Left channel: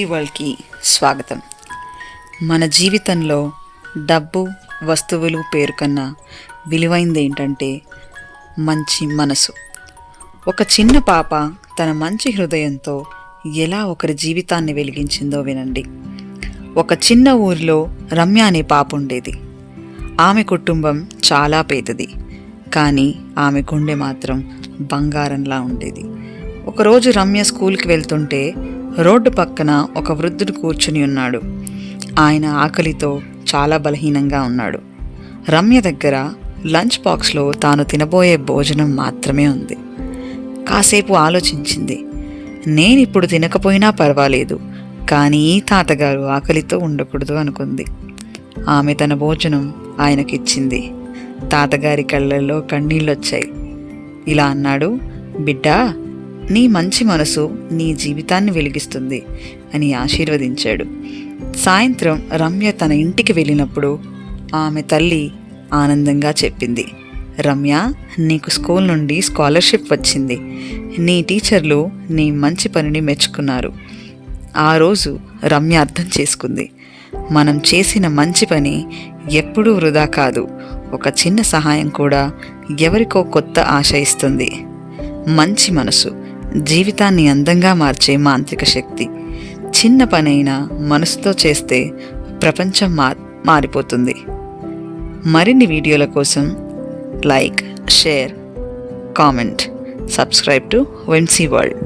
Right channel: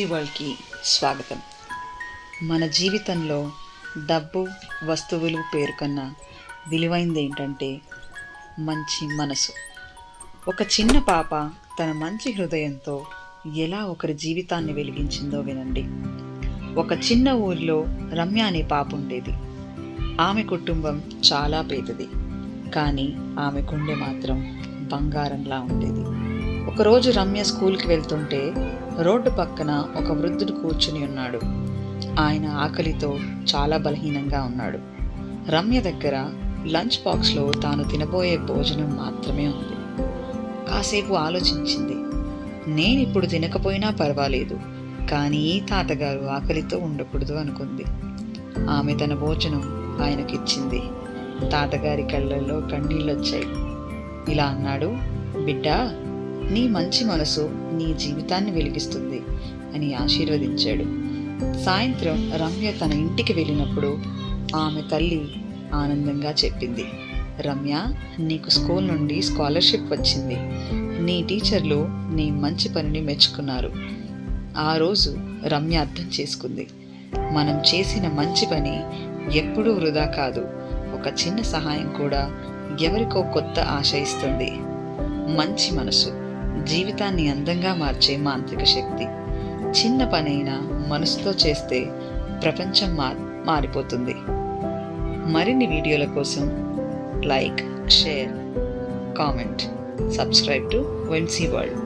వరల్డ్కి స్వాగతం. మన జీవితంలో డబ్బు, వస్తువులు పేరు కన్నా విలువైంది ఏంటంటే మంచి మనసు. ఒక చిన్న పాప తన మంచి హృదయంతో ఎలా ఒకరి జీవితాన్ని వెలిగించిందో వినండి. ఒక చిన్న ఊరిలో రమ్య అనే పాప ఉండేది. ఆమె కుటుంబం చాలా పేదది, కానీ ఆమె గుండె మాత్రం బంగారంలా ఉండేది. ఒకరోజు రమ్య స్కూల్కి వెళ్తుంటే రోడ్డు పక్కన ఒక వృద్ధుడు కూర్చుని ఉన్నాడు. ఆయన ఆకలితో చాలా బలహీనంగా ఉన్నాడు. రమ్య దగ్గర లంచ్ బాక్స్లో తాను తినబోయే భోజనం మాత్రమే ఉంది. కాసేపు ఆలోచించింది. నేనిప్పుడు తినకపోయినా పర్వాలేదు, కానీ ఈ తాతగారు ఆకలితో ఉండకూడదు అనుకుంది. ఆమె తన భోజనం ఆయనకిచ్చింది. తాతగారి కళ్ళల్లో కన్నీళ్ళొచ్చాయి. ఇలా అన్నాడు, బిడ్డా, నీ మంచి మనసు నీ జీవితాన్ని వెలిగిస్తుంది అని ఆశీర్వదించాడు. సాయంత్రం రమ్య తన ఇంటికి వెళ్ళినప్పుడు ఆమె తల్లి ఆనందంగా చెప్పింది, రమ్య, నీకు స్కూల్ నుండి స్కాలర్షిప్ వచ్చింది. నీ టీచర్లు నీ మంచి పనిని మెచ్చుకున్నారు. ఆ రోజు రమ్య అర్థం చేసుకుంది, మనం చేసిన మంచి పని ఎప్పుడూ వృధా కాదు. ఒక చిన్న సహాయం కూడా ఎవరికో కొత్త ఆశ ఇస్తుంది. మంచి మనసు జీవితాన్ని అందంగా మార్చే మాంత్రిక శక్తి. చిన్న పనైనా మనసుతో చేస్తే ప్రపంచం మారిపోతుంది. మరిన్ని వీడియోల కోసం like, share, comment, subscribe to వెన్సీ world.